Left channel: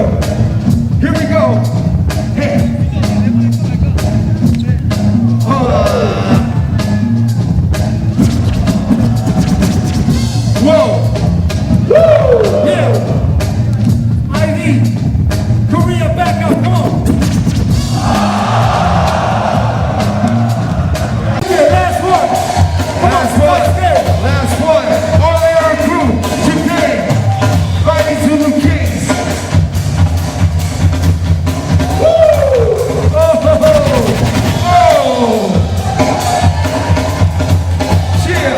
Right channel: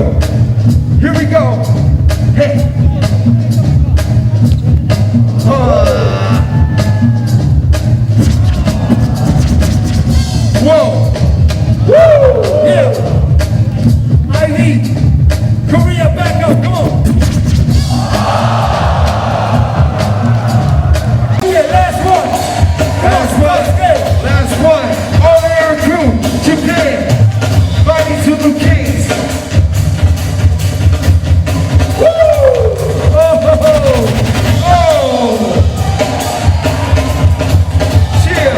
go. Here we go. Hey. Whoa. Woo. Yeah. IBE. Korea, back up. Come on. Yeah, last one. Last one. All air crew. Japan. Fighting Zulu Kings. Woo! Oh, ho, ho. Oh! Chill.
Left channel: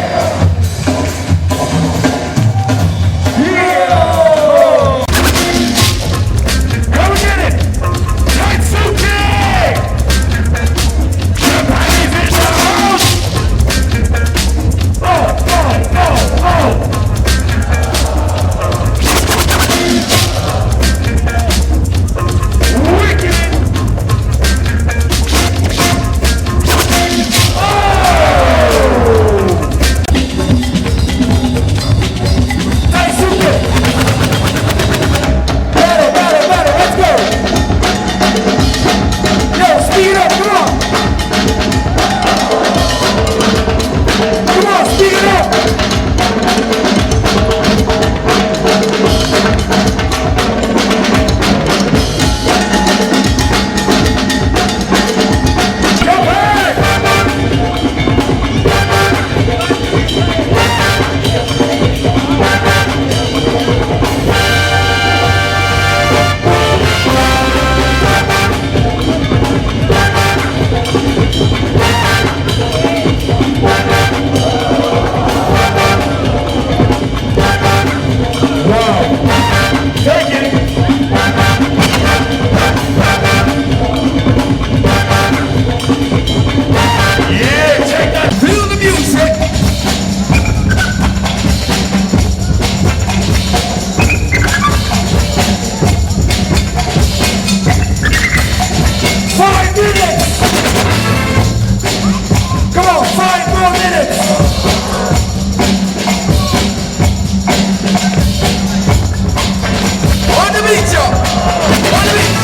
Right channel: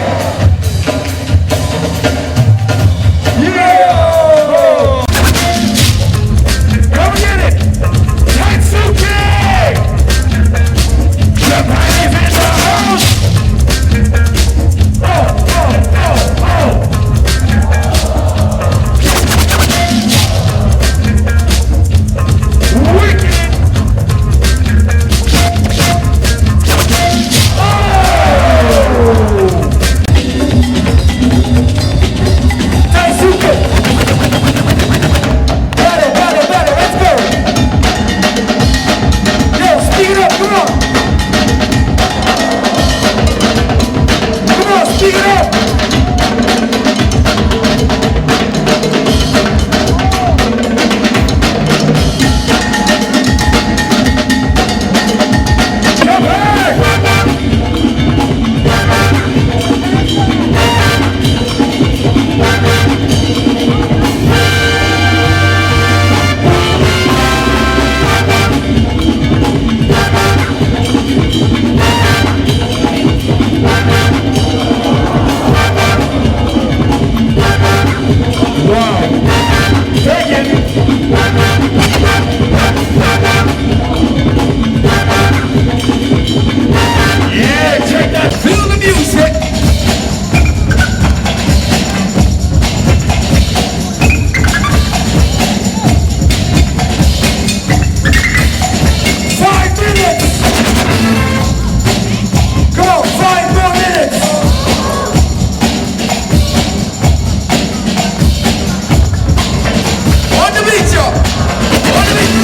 Yeah! Come get it! Taisuke! Japanese in the house! Oh, oh, oh, oh! On the beat, y'all! On the beat!